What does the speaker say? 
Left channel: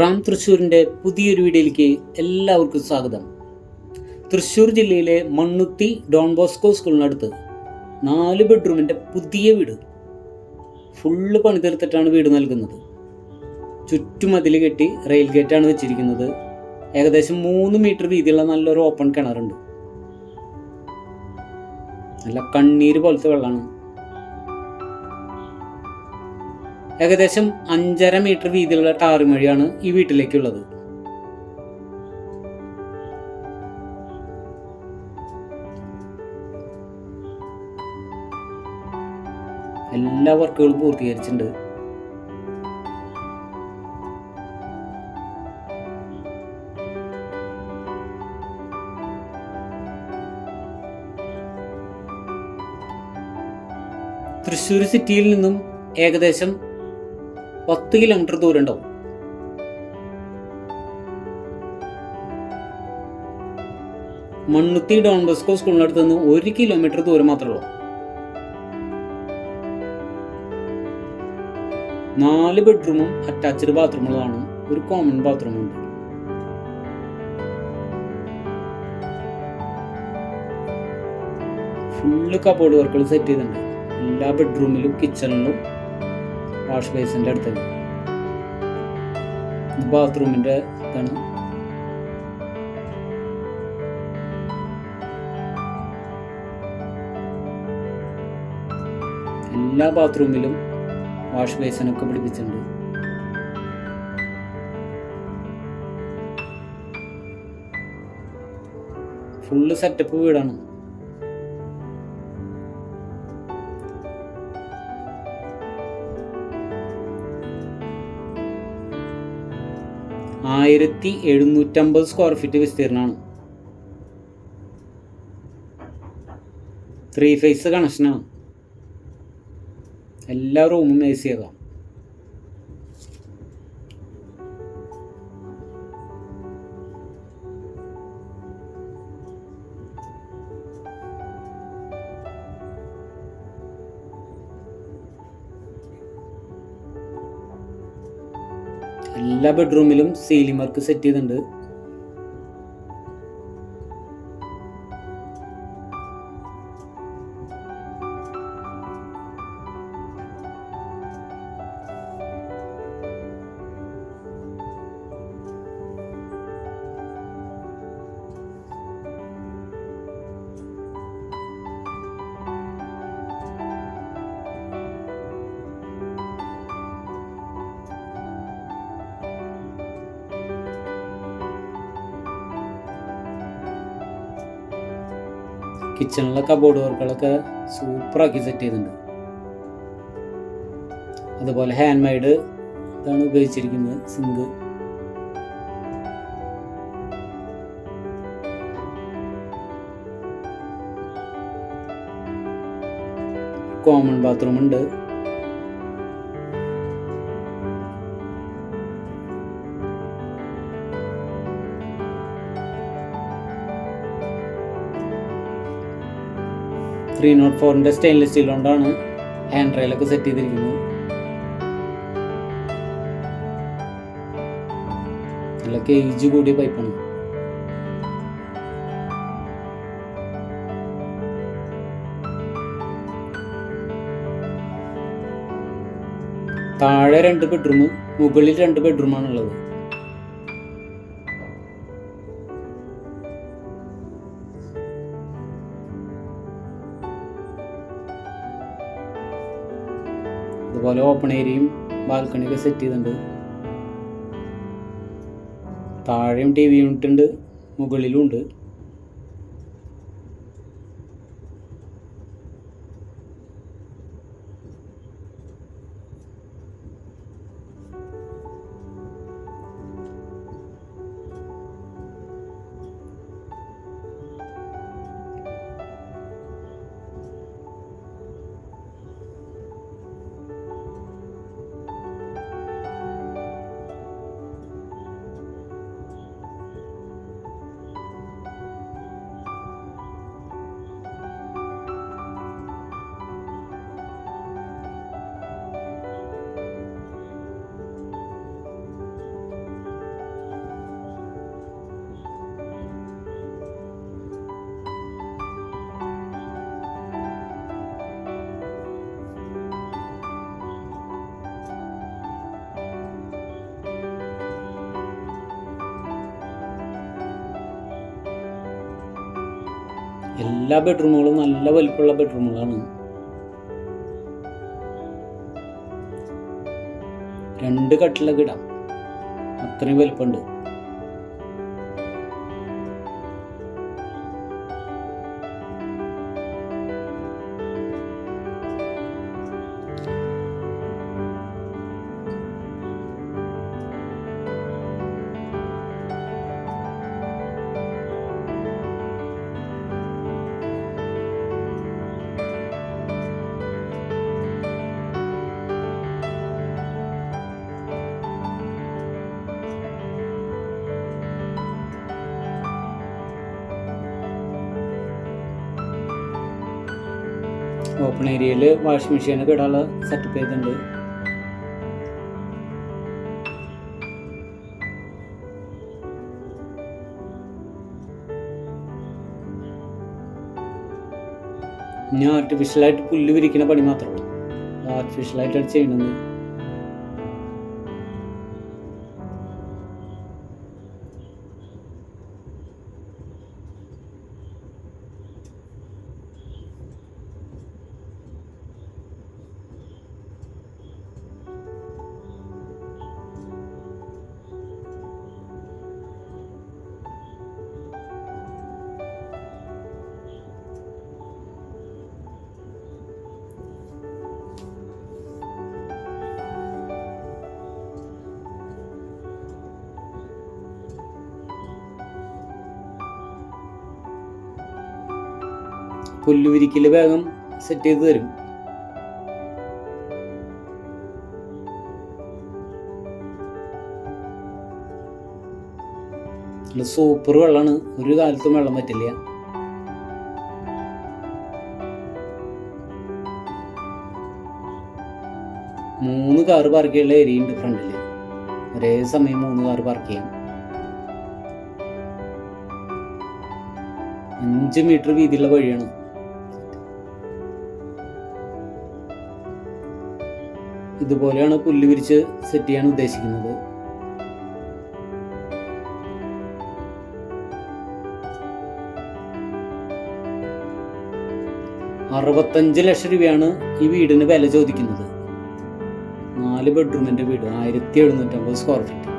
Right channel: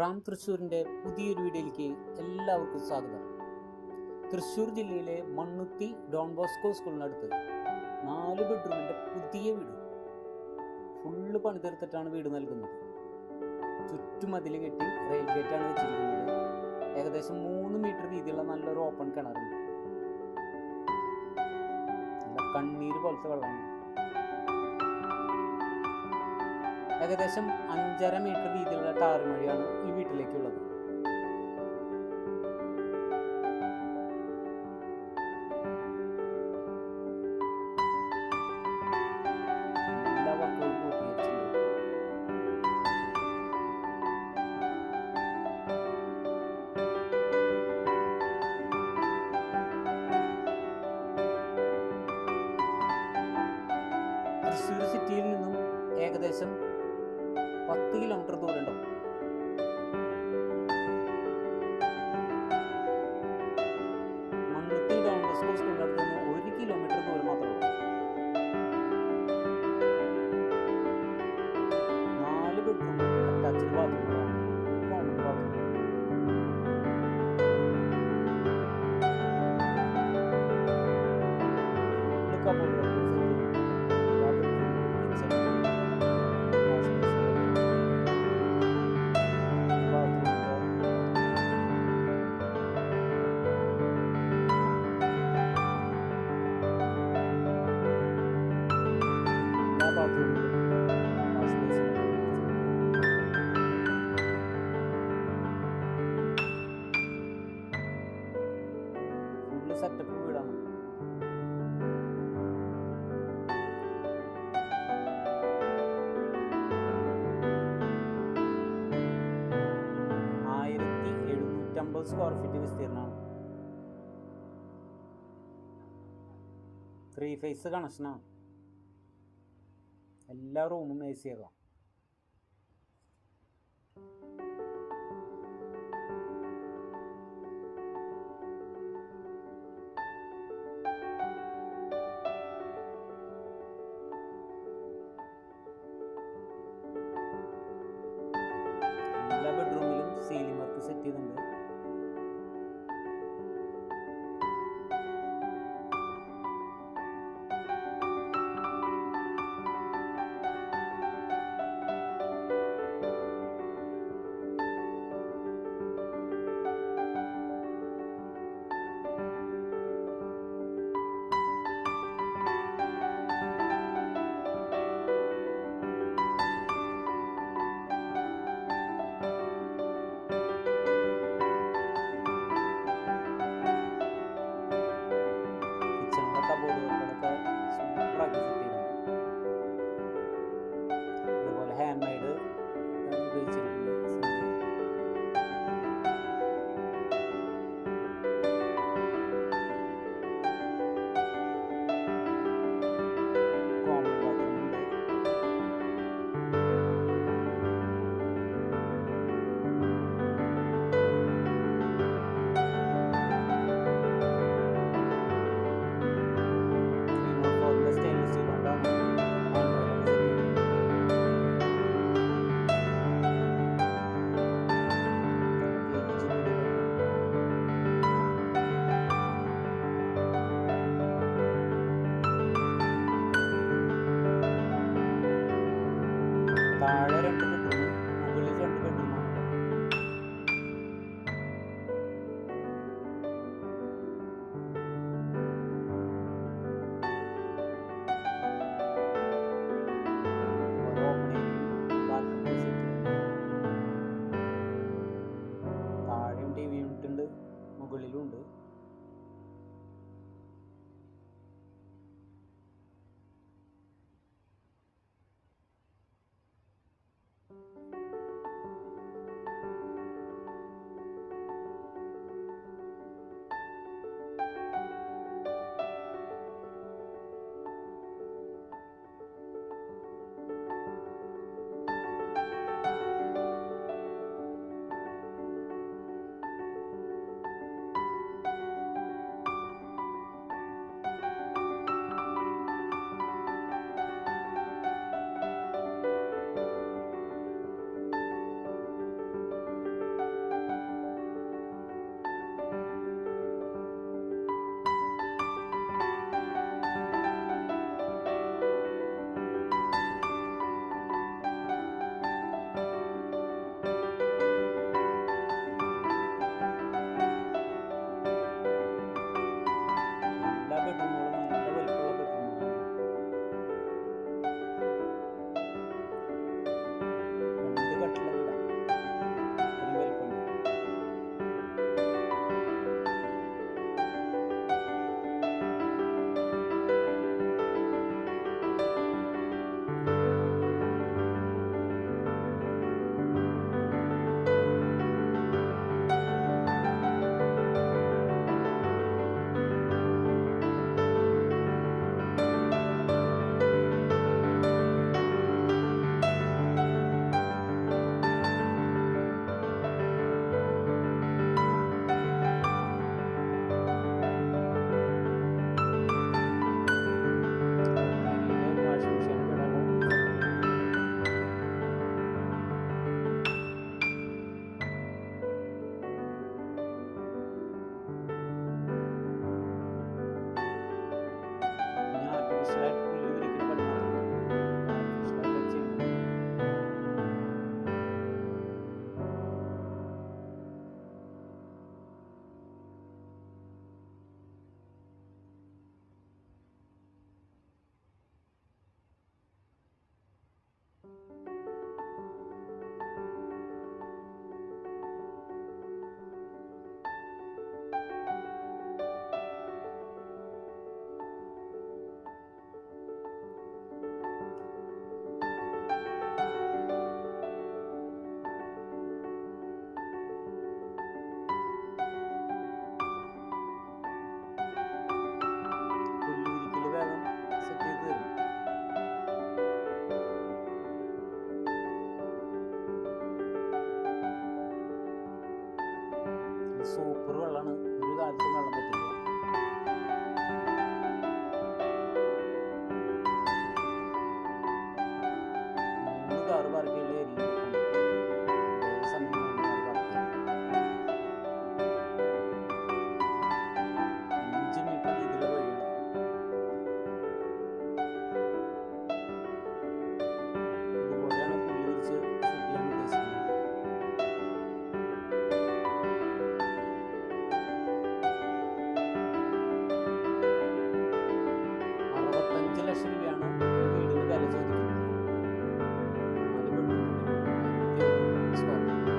റാം തൃശ്ശൂരിൻ്റെ പുതിയൊരു വീഡിയോയിലേക്ക് എല്ലാവർക്കും സ്വാഗതം. തൃശ്ശൂർ ജില്ലയിലെ മണ്ണുത്തി ഡോൺ ബോസ്കോ സ്കൂളിനടുത്ത് 4 ബെഡ്റൂമിൻ്റെ പുതിയ വീട് ഫുള്ള് പണിതീർത്തിട്ടാണ് വീട് നൽകുന്നത്. ചുറ്റുമതിൽ കെട്ടി റെയിൽ ഗേറ്റാണ് വെച്ചിരിക്കുന്നത്. ഏകദേശം 3 മീറ്റർ വീതിയുള്ള നല്ലൊരു ഓപ്പൺ കിണറുണ്ട്. നല്ല കണ്ണീര് പോലത്തെ വെള്ളമാണ്. ഏകദേശം 5.5 മീറ്റർ വീതിയുള്ള ടാറുമഴിയാണ് ഈ വീട്ടിലേക്കുള്ളത്. എല്ലാ വർക്കുകളും പൂർത്തീകരിച്ചിട്ടുണ്ട്. തൃശ്ശൂർ സിറ്റിയിൽ നിന്നും ഏകദേശം 10 കിലോമീറ്റർ ദൂരം ഉണ്ടാവും. മണ്ണുത്തി ഡോൺ ബോസ്കോ സ്കൂളിനടുത്ത് നിന്ന് 1 കിലോമീറ്റർ ദൂരം മാത്രമേ ഉള്ളൂ. 4 ബെഡ്റൂമും അറ്റാച്ച്ഡ് ബാത്റൂമുകളാണ്. ഒരു കോമൺ ബാത്റൂമുണ്ട്. ഫുള്ള് കബോർഡ് വർക്കുകൾ സെറ്റ് ചെയ്തിട്ടുണ്ട്. എല്ലാ ബെഡ്റൂമിലും കിച്ചണിലും വാഷ് ബേസിൻ്റെ അടുത്ത് ബാത്റൂമിൻ്റെ ഇതാണ്. എല്ലാ ബാത്റൂമിലും വാഷ് ബേസിനൊക്കെ പിടിപ്പിച്ചിട്ടുണ്ട്. ഫുള്ള് സെറ്റപ്പ് വീടാണ്. ആയിരത്തി 750 സ്ക്വയർ ഫീറ്റ് വിസ്തീർണമാണ്. 3 ഫേസ് കണക്ഷനാണ്. എല്ലാ റൂമും AC ആകാം. എല്ലാ ബെഡ്റൂമിലും സീലിംഗ് വർക്ക് സെറ്റ് ചെയ്തിട്ടുണ്ട്. കിച്ചണിലെ കബോർഡ് വർക്കുകളൊക്കെ സൂപ്പറാക്കി സെറ്റ് ചെയ്തിട്ടുണ്ട്. അതുപോലെ ഹാൻഡ് മെയ്ഡ് ഇതാണ് ഉപയോഗിച്ചിരിക്കുന്നത്. സിങ്ക്, കോമൺ ബാത്റൂം ഉണ്ട്. .304 സ്റ്റെയിൻലെസ് സ്റ്റീൽ കൊണ്ടാണ് ഹാൻഡ് റെയിലൊക്കെ സെറ്റ് ചെയ്തിരിക്കുന്നത്. നല്ല കേജ് കൂടിയ പൈപ്പാണ്. താഴെ 2 ബെഡ്റൂം, മുകളിൽ 2 ബെഡ്റൂമാണുള്ളത്. അതുപോലെ ഓപ്പൺ ഏരിയയും ബാൽക്കണിയൊക്കെ സെറ്റ് ചെയ്തിട്ടുണ്ട്. താഴെയും TV യൂണിറ്റ് ഉണ്ട്, മുകളിലും ഉണ്ട്. എല്ലാ ബെഡ്റൂമുകളും നല്ല വലിപ്പമുള്ള ബെഡ്റൂമുകളാണ്. 2 കട്ടിലൊക്കെ ഇടാം, അത്രയും വലിപ്പമുണ്ട്. ഓപ്പൺ ഏരിയയിൽ വാഷിംഗ് മെഷീനൊക്കെ ഇടാനുള്ള സെറ്റപ്പ് ചെയ്തിട്ടുണ്ട്. ഇനി ആർട്ടിഫിഷ്യലായിട്ട് പുല്ല് വിരിക്കുന്ന പണി മാത്രമേ ആർട്ടിഫിഷ്യലായിട്ടാണ് ചെയ്യുന്നത്. പുല്ല് വിരിക്കൽ വേഗം സെറ്റ് ചെയ്ത് തരും. സൂപ്പർ വെള്ളമാണ്, ഒരു കാലത്തും വെള്ളം പറ്റില്ല. മൂന്ന് കാറ് പാർക്ക് ചെയ്യാനുള്ള ഏരിയ ഉണ്ട് ഫ്രണ്ടിൽ. ഒരേ സമയം 3 കാറ് പാർക്ക് ചെയ്യാം. 5 മീറ്റർ വീതിയുള്ള വഴിയാണ്. ഇതുപോലെയാണ് പുല്ല് വിരിച്ച് സെറ്റ് ചെയ്യാൻ ഉദ്ദേശിക്കുന്നത്. 65 ലക്ഷം രൂപയാണ് ഈ വീടിന് വില ചോദിക്കുന്നത്. 4 ബെഡ്റൂമിൻ്റെ വീട്, 1750 സ്ക്വയർ ഫീറ്റ്.